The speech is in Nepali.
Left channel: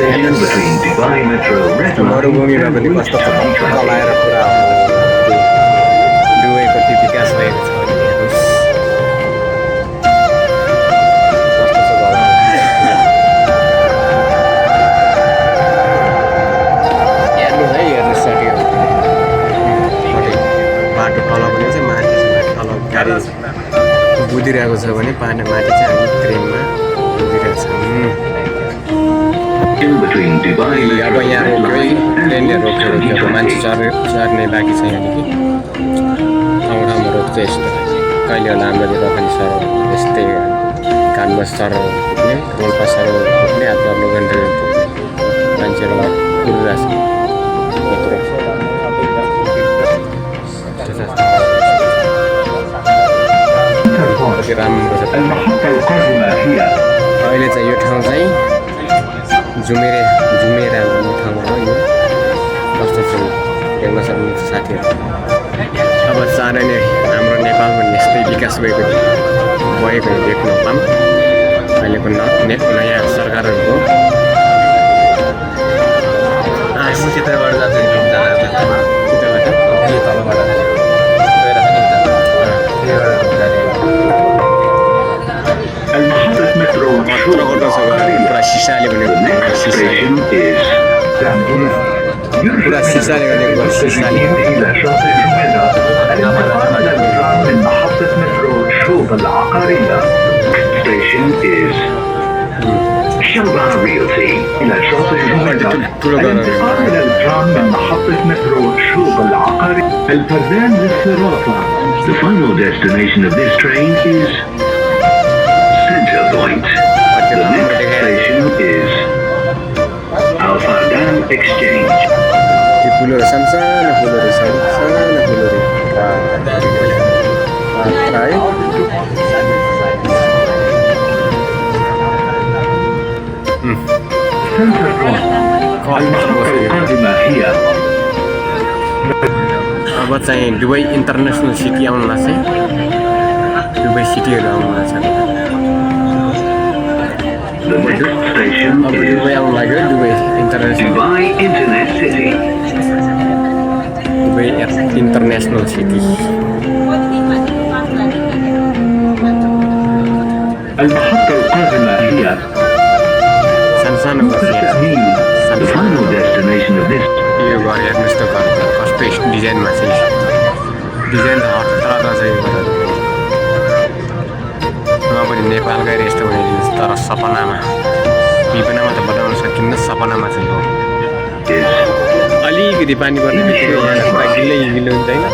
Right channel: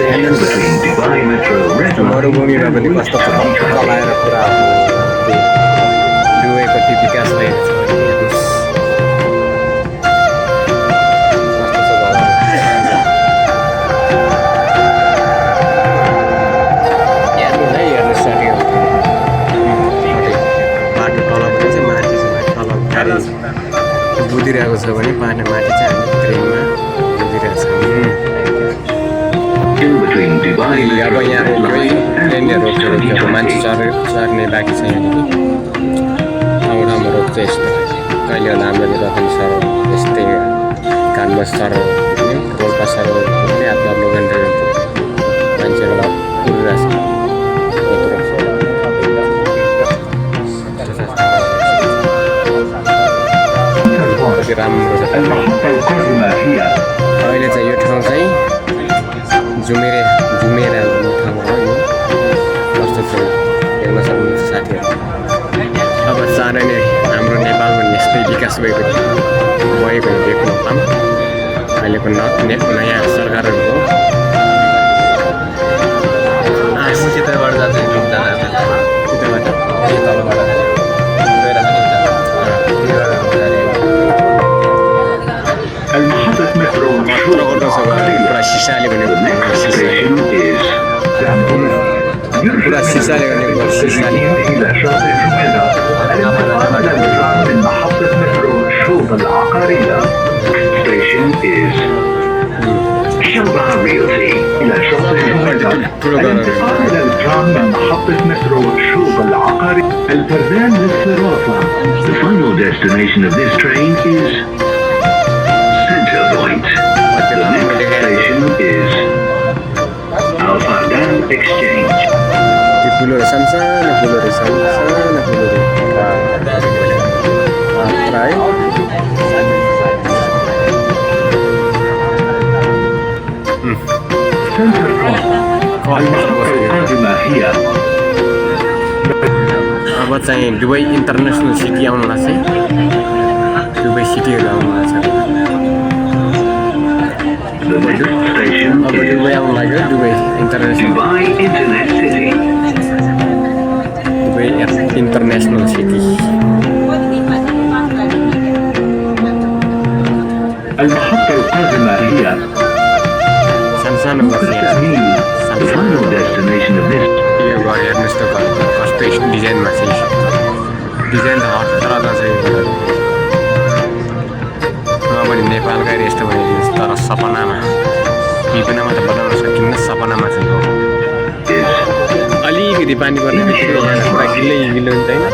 station between Dubai Metro Red Line मरुभूमिमा पनि and कस्तो चलाएर पुरा दुवैको विकास भएको छ भने हेर्नुहोस् कस्तो छ घर हेर्नुहोस् है हेर्नुहोस् सट्यो बाटो तल पनि छ माथि छ माथि तल गाडी बुझिरहेको छ भने पानी माथि चाहिँ हामी ट्रेनमा बुझिरहेको छौँ in between Dubai अब Metro यहाँ Red रोक्यो Line ट्रेनले and रोक्यो अब मान्छे चढ्ने बाँकी छ यहाँदेखि ठाउँ ठाउँमा रोक्छ यस्तो कहिले होला हाम्रो रखनी सर यस्तै कानमा सर पुग्ने रोल्पा सर पुग्ने आफ्नो आफ्नो गन्तव्यमा पुग्ने मान्छेहरू उडिरहेछ यत्रो कति राम्रो छ المحطة القادمة هي अहिले चाहिँ यो ठाउँ चाहिँ जुमेरा भन्ने ठाउँमा हो यो कस्तो छ हेर्न सक्नुहुन्छ साथीहरू अब चाँडै नै हाम्रो नेपालमा यस्तै विकास भएको देख्न पाऊँ अहिलेको नयाँ सरकारहरूको चित्रबाट जान्छ المحطة مترو पुरा सिसाले भनेको station is Zambia. पुरा सिसाले भनेको सिसाले إلى شاطئ جميرة الانتقال إلى الترام من محطة مترو شوب العقارية. Station is شلبة Realty إلى شاطئ جميرة الانتقال إلى الترام من محطة مترو شوب العقارية. البردان للصرافة. The final destination of this train is Center Point. The next station is Al Fardan Exchange. त्यो फुलहरू सानसानो फुलहरू है Center Point. المحطة القادمة هي अब चाहिँ दुबई इन्टरनेसनल सिटी आउनु लाग्छ दुबई सिटीहरू आउनु लाग्छ The next station अब is दुबई आउनु लाग्यो Dubai international Dubai Internet City. Dubai international city المحطة القادمة هي सानसानो घर छ यहाँ تأمين. The final destination of this यो घर हेर्नुहोस् त घर कस्तो डिजाइनमा छ डिजाइन त हतरता छ यो घरहरू नभने नेपालकै रेस्ट बनाइदिनुहोस् तर सपनामा विपनामा त बताउन सकिन्न सपनामा चाहिँ हो is अलिकति पानी पर्ने बित्तिकै यहाँ पुरा गिलो हुन्छ होइन